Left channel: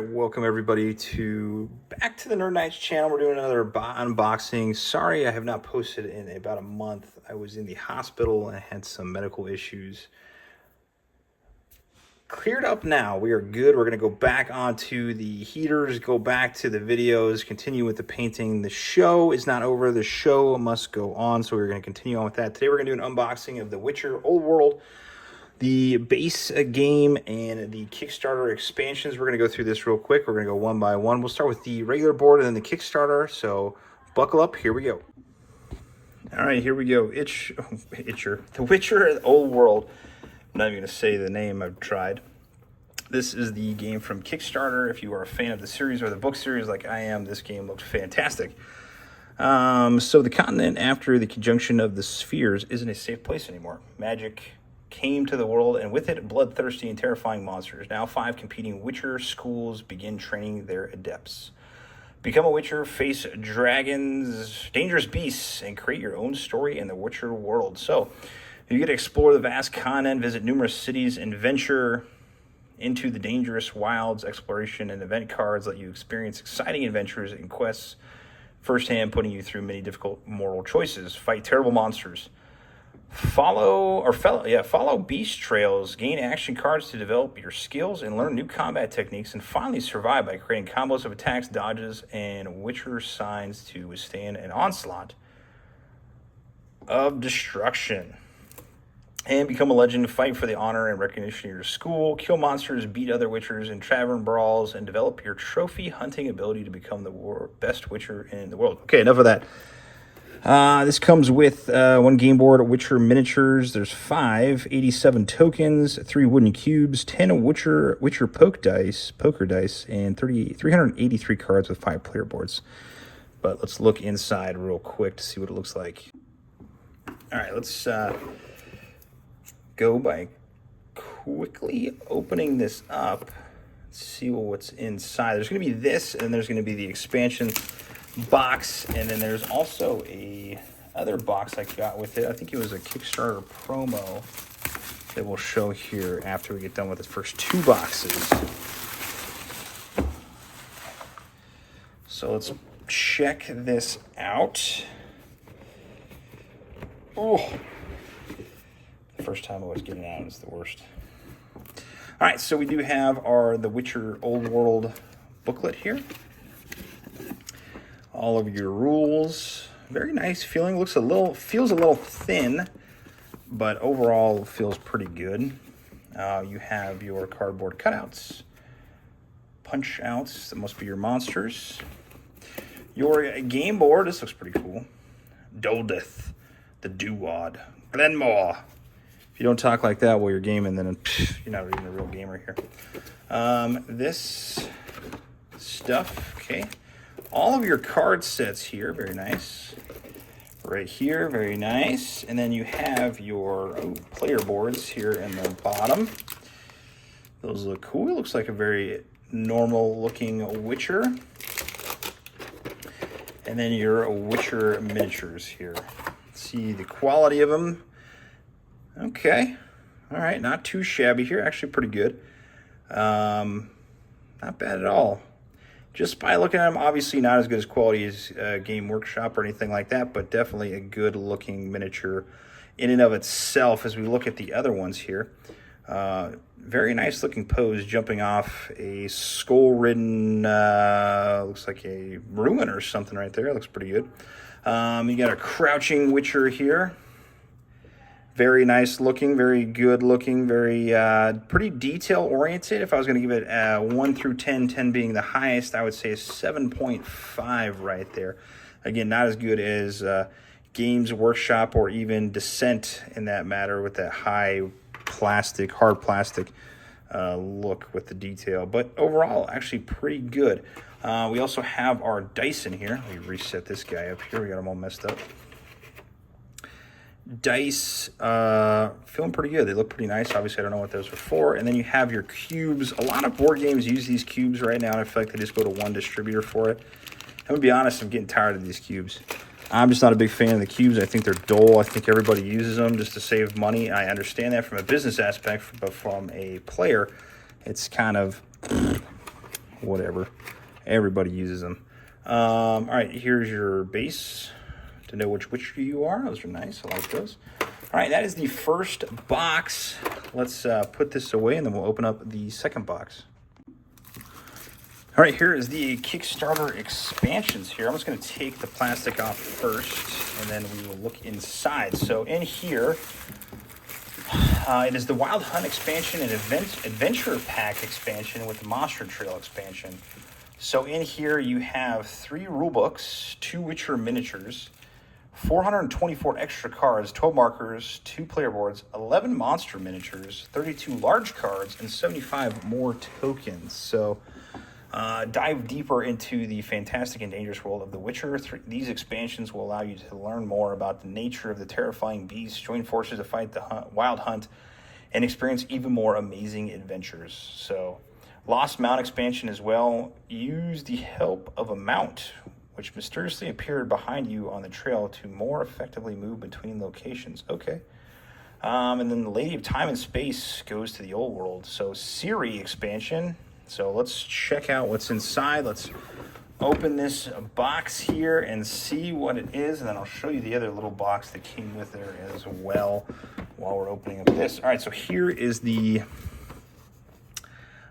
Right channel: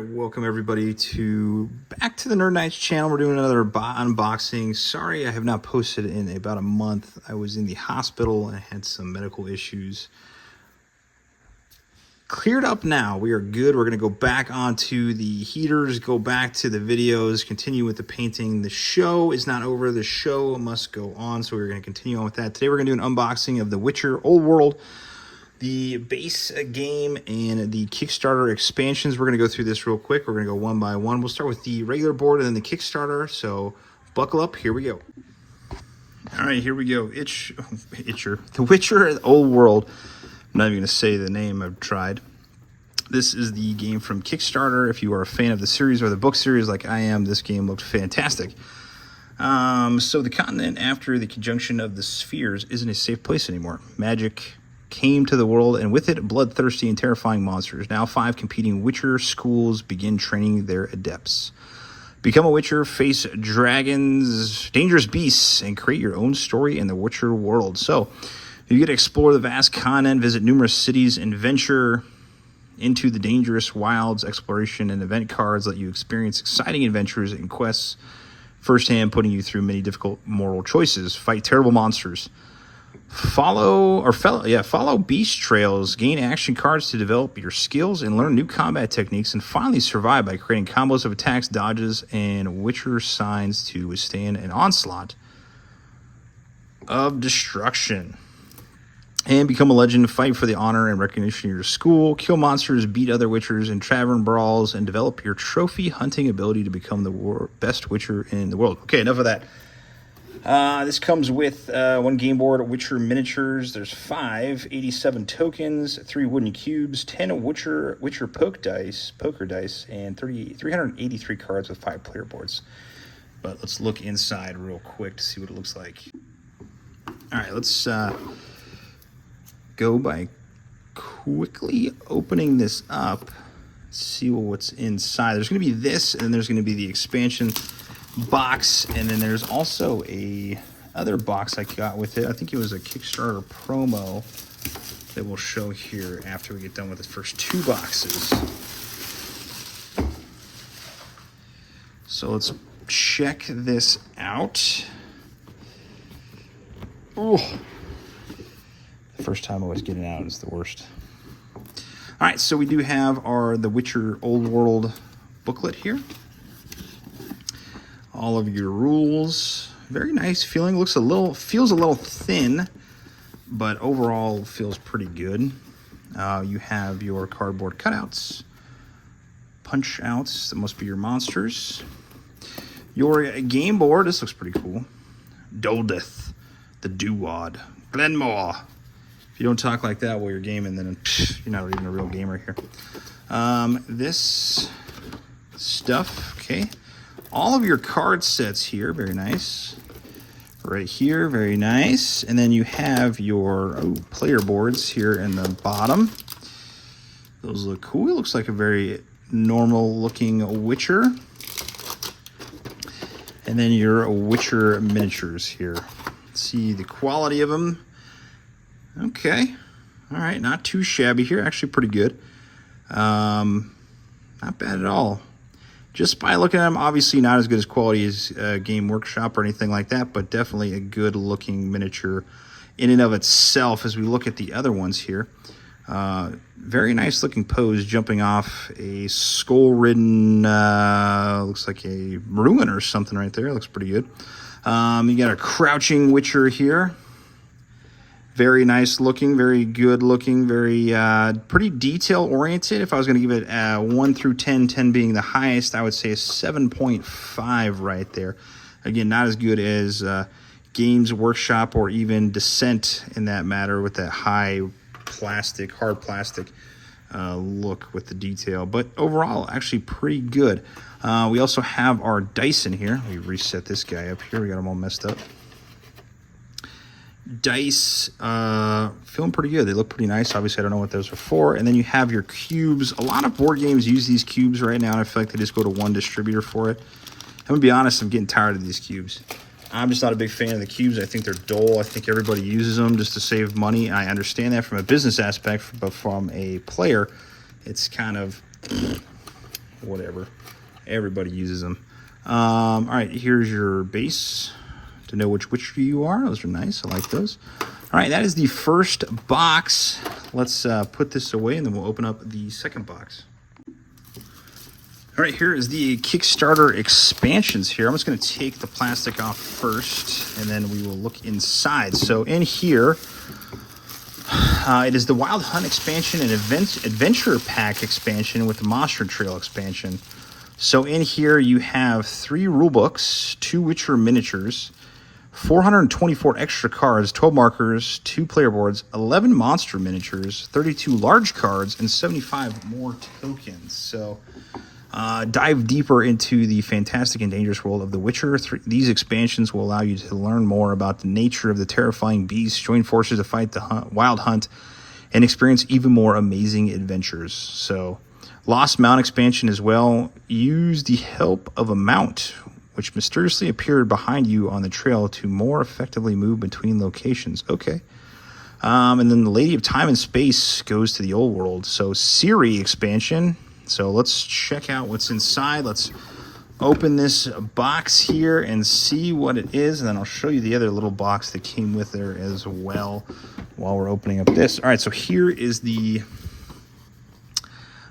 right, welcome everybody back to the Nerd Knights channel. We're doing another unboxing. Sorry I have not posted in about a month. I was in the hospital and I had some medical issues. Cleared up now. We are good. We're going to go back onto the heaters, go back to the videos, continue with the painting. The show is not over. The show must go on, so we're going to continue on with that. Today we're going to do an unboxing of The Witcher Old World, the base game, and the Kickstarter expansions. We're going to go through this real quick. We're going to go one by one. We'll start with the regular board and then the Kickstarter, so buckle up. Here we go. All right, here we go. The Witcher Old World. I'm not even going to say the name. I've tried. This is the game from Kickstarter. If you are a fan of the series or the book series like I am, this game looks fantastic. So the continent, after the conjunction of the spheres, isn't a safe place anymore. Magic came to the world, and with it, bloodthirsty and terrifying monsters. Now 5 competing Witcher schools begin training their adepts. Become a Witcher, face dragons, dangerous beasts, and create your own story in the Witcher world. So you get to explore the vast continent, visit numerous cities, and venture into the dangerous wilds. Exploration and event cards let you experience exciting adventures and quests firsthand, putting you through many difficult moral choices. Fight terrible monsters. Follow beast trails, gain action cards to develop your skills and learn new combat techniques, and finally survive by creating combos of attacks, dodges, and Witcher signs to withstand an onslaught of destruction. And become a legend, fight for the honor and recognition of your school, kill monsters, beat other Witchers in tavern brawls, and develop your trophy hunting ability to become the best Witcher in the world. Okay, enough of that. This comes with one game board, Witcher miniatures. There's 87 tokens, 3 wooden cubes, 10 Witcher poker dice, and 383 cards with 5 player boards. But let's look inside real quick to see what it looks like. All right, let's go by quickly opening this up. See what's inside. There's going to be this, and then there's going to be the expansion box, and then there's also a other box I got with it. I think it was a Kickstarter promo that we'll show here after we get done with the first 2 boxes. So let's check this out. Oh, the first time always getting out is the worst. All right, so we do have The Witcher Old World booklet here. All of your rules. Very nice feeling. Feels a little thin, but overall feels pretty good. You have your cardboard cutouts, punch outs. That must be your monsters. Your game board. This looks pretty cool. Doldeth, the Duwad, Glenmore. If you don't talk like that while you're gaming, then you're not even a real gamer here. This stuff, okay. All of your card sets here, very nice. Right here, very nice. And then you have your player boards here in the bottom. Those look cool. It looks like a very normal looking Witcher. And then your Witcher miniatures here. Let's see the quality of them. Okay. All right, not too shabby here. Actually pretty good. Not bad at all. Just by looking at them, obviously not as good as quality as Game Workshop or anything like that, but definitely a good looking miniature in and of itself. As we look at the other ones here, very nice looking pose jumping off a skull-ridden, looks like a ruin or something right there. Looks pretty good. You got a crouching Witcher here. Very nice looking, very good looking, very pretty detail oriented. If I was going to give it 1 through 10, 10 being the highest, I would say a 7.5 right there. Again, not as good as Games Workshop or even Descent in that matter with that hard plastic look with the detail. But overall, actually pretty good. We also have our dice in here. Let me reset this guy up here. We got them all messed up. Dice, feeling pretty good. They look pretty nice. Obviously, I don't know what those are for. And then you have your cubes. A lot of board games use these cubes right now, and I feel like they just go to one distributor for it. I'm going to be honest, I'm getting tired of these cubes. I'm just not a big fan of the cubes. I think they're dull. I think everybody uses them just to save money. I understand that from a business aspect, but from a player, it's kind of whatever. Everybody uses them. All right, here's your base to know which witcher you are. Those are nice. I like those. All right, that is the first box. Let's put this away, and then we'll open up the second box. All right, here is the Kickstarter expansions here. I'm just going to take the plastic off first, and then we will look inside. So in here, it is the Wild Hunt expansion and Adventure Pack expansion with the Monster Trail expansion. So in here you have 3 rulebooks, 2 Witcher miniatures, 424 extra cards, 12 markers, 2 player boards, 11 monster miniatures, 32 large cards, and 75 more tokens. So dive deeper into the fantastic and dangerous world of The Witcher. These expansions will allow you to learn more about the nature of the terrifying beast, join forces to fight the Wild Hunt, and experience even more amazing adventures. So, Lost Mount expansion as well. Use the help of a mount, which mysteriously appeared behind you on the trail to more effectively move between locations. Okay. And then the Lady of Time and Space goes to the old world. So, Ciri expansion. So let's check out what's inside. Let's open this box here and see what it is. And then I'll show you the other little box that came with there as well while we're opening up this. All right, so here is the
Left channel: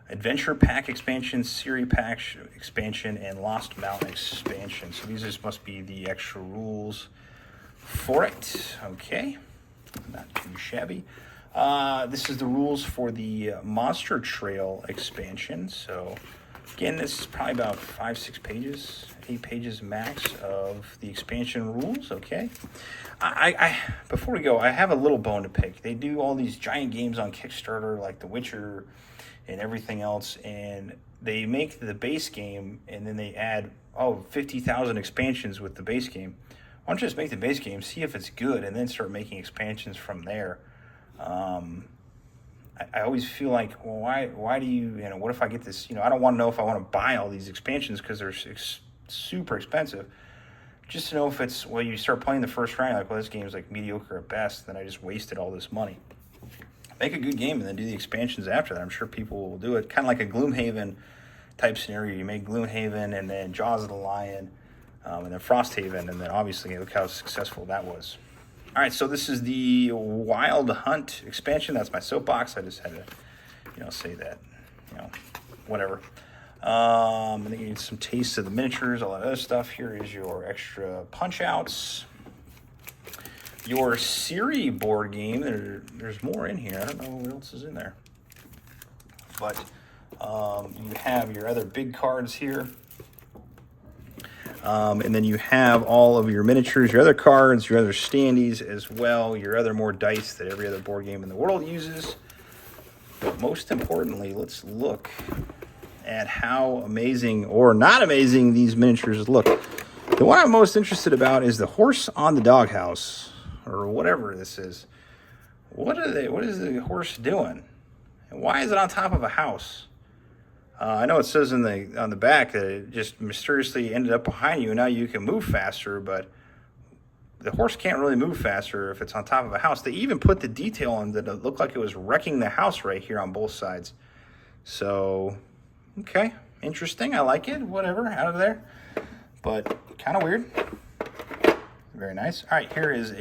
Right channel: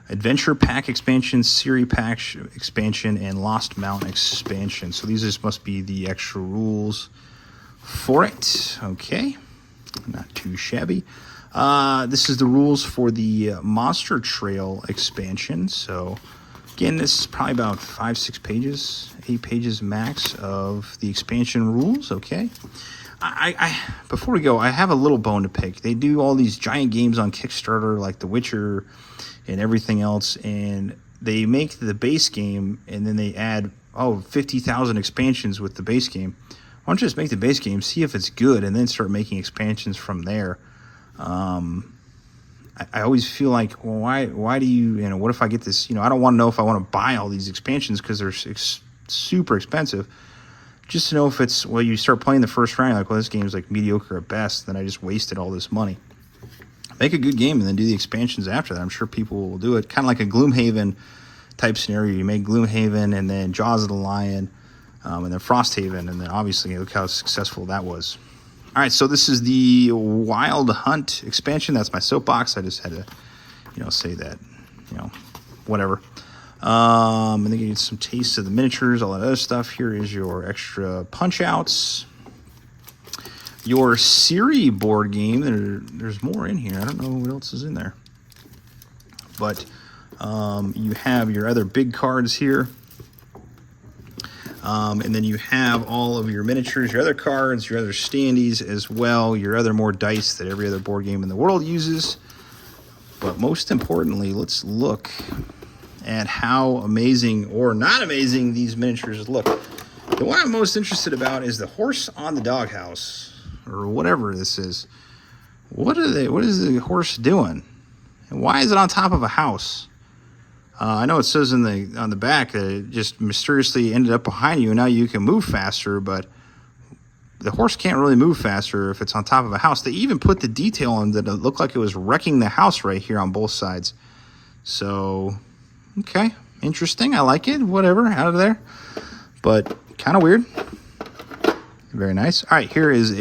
Adventure Pack expansion, Ciri Pack expansion, and Lost Mountain expansion. So these just must be the extra rules for it. Okay, not too shabby. This is the rules for the Monster Trail expansion. So, again, this is probably about 5-6 pages, 8 pages max of the expansion rules. Okay. I before we go, I have a little bone to pick. They do all these giant games on Kickstarter, like The Witcher and everything else, and they make the base game, and then they add 50,000 expansions with the base game. Why don't you just make the base game, see if it's good, and then start making expansions from there? I always feel like, well, why do you know, what if I get this, I don't want to know if I want to buy all these expansions because they're super expensive. Just to know if it's, well, you start playing the first round, you're like, well, this game is like mediocre at best, then I just wasted all this money. Make a good game and then do the expansions after that. I'm sure people will do it. Kind of like a Gloomhaven type scenario. You make Gloomhaven and then Jaws of the Lion, and then Frosthaven, and then obviously look how successful that was. All right, so this is the Wild Hunt expansion. That's my soapbox. I just had to, say that, whatever. And then you get some taste of the miniatures, all that other stuff. Here is your extra punch-outs. Your Ciri board game. There's more in here. I don't know what else is in there. But you have your other big cards here. And then you have all of your miniatures, your other cards, your other standees as well, your other more dice that every other board game in the world uses. But most importantly, let's look at how amazing or not amazing these miniatures look. The one I'm most interested about is the horse on the doghouse, or whatever this is. What is the horse doing? And why is it on top of a house? I know it says on the back it just mysteriously ended up behind you, and now you can move faster, but the horse can't really move faster if it's on top of a house. They even put the detail on that it looked like it was wrecking the house right here on both sides. So, okay, interesting. I like it. Whatever, out of there. But kind of weird. Very nice. All right, here is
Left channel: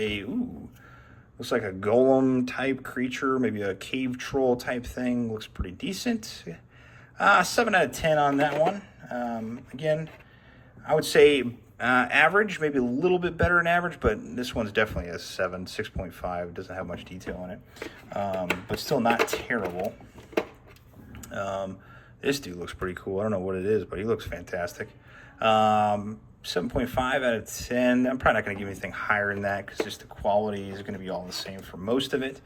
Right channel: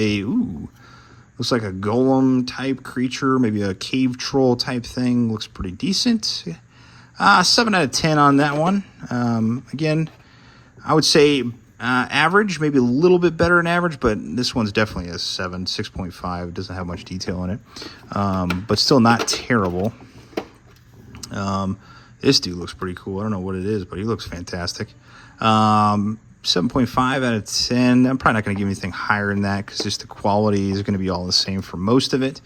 looks like a golem type creature, maybe a cave troll type thing. Looks pretty decent. 7 out of 10 on that one. Again, I would say average, maybe a little bit better than average, but this one's definitely a 7, 6.5. Doesn't have much detail in it, but still not terrible. This dude looks pretty cool. I don't know what it is, but he looks fantastic. 7.5 out of 10. I'm probably not going to give anything higher than that because just the quality is going to be all the same for most of it.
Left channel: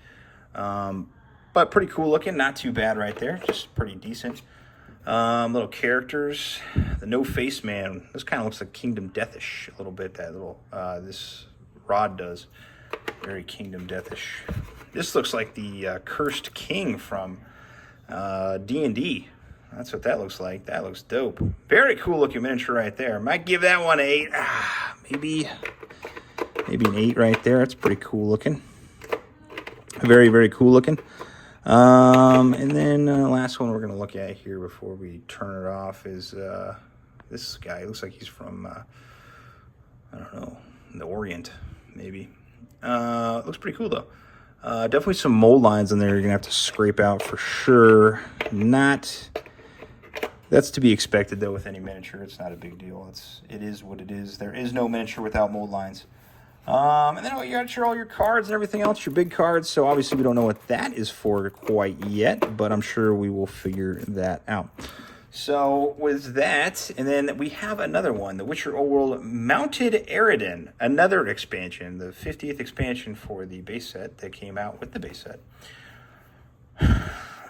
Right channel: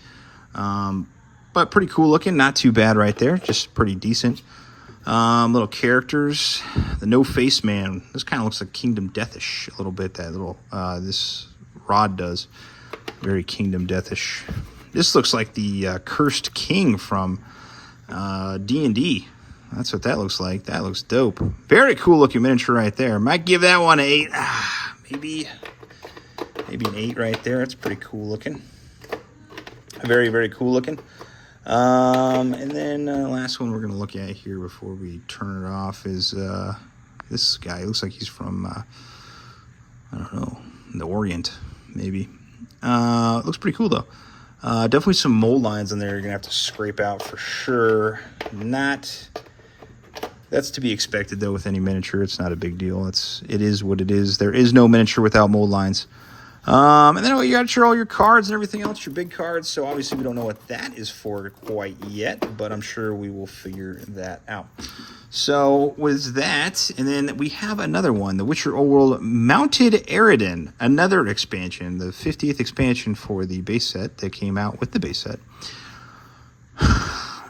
But pretty cool looking. Not too bad right there. Just pretty decent. Little characters. The No Face Man. This kind of looks like Kingdom Deathish a little bit. That little this rod does. Very Kingdom Deathish. This looks like the Cursed King from D&D. That's what that looks like. That looks dope. Very cool looking miniature right there. Might give that one an 8. Maybe an 8 right there. That's pretty cool looking. Very, very cool looking. And then the last one we're going to look at here before we turn it off is this guy. It looks like he's from, I don't know, the Orient, maybe. Looks pretty cool, though. Definitely some mold lines in there you're going to have to scrape out for sure. That's to be expected, though, with any miniature. It's not a big deal. It is what it is. There is no miniature without mold lines. And then you got all your cards and everything else, your big cards. So obviously we don't know what that is for quite yet, but I'm sure we will figure that out. So with that, and then we have another one, The Witcher Old World Mounted Eredin, another expansion, the 50th expansion for the base set that came out with the base set.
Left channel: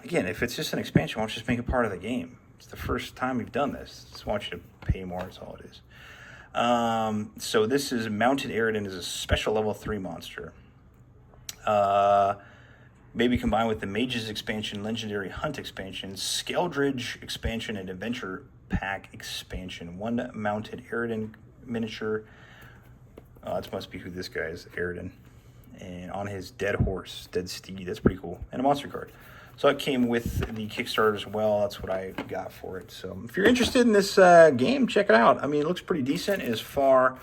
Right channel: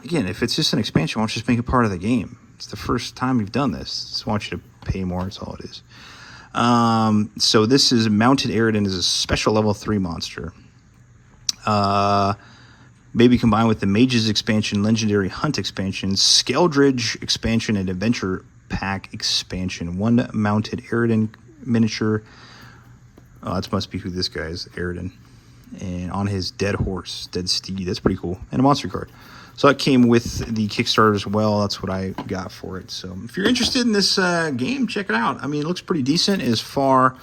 Again, if it's just an expansion, why don't you just make it part of the game? It's the first time we've done this. Just want you to pay more, that's all it is. So this is Mounted Eredin, is a special level 3 monster. Maybe combined with the Mages expansion, Legendary Hunt expansion, Skeldridge expansion, and Adventure Pack expansion. One Mounted Eredin miniature. That must be who this guy is, Eredin. And on his dead horse, dead steed. That's pretty cool. And a monster card. So that came with the Kickstarter as well. That's what I got for it. So if you're interested in this game, check it out. I mean, it looks pretty decent as far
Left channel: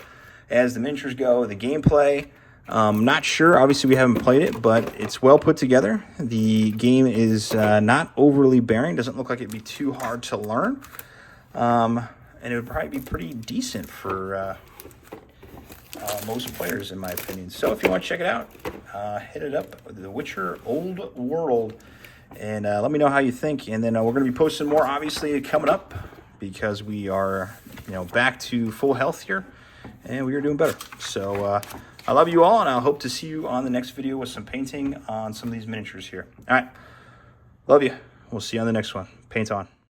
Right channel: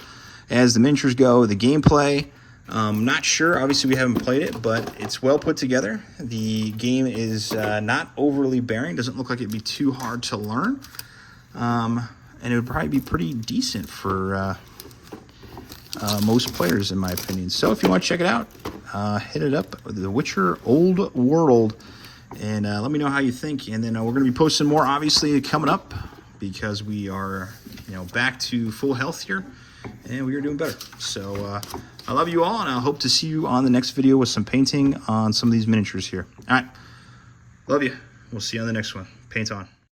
as the miniatures go. The gameplay, not sure. Obviously, we haven't played it, but it's well put together. The game is not overly bearing. Doesn't look like it'd be too hard to learn. And it would probably be pretty decent for most players, in my opinion. So if you want to check it out, hit it up. The Witcher Old World. And let me know how you think. And then we're going to be posting more, obviously, coming up, because we are, back to full health here, and we are doing better. So I love you all, and I hope to see you on the next video with some painting on some of these miniatures here. All right. Love you. We'll see you on the next one. Paint on.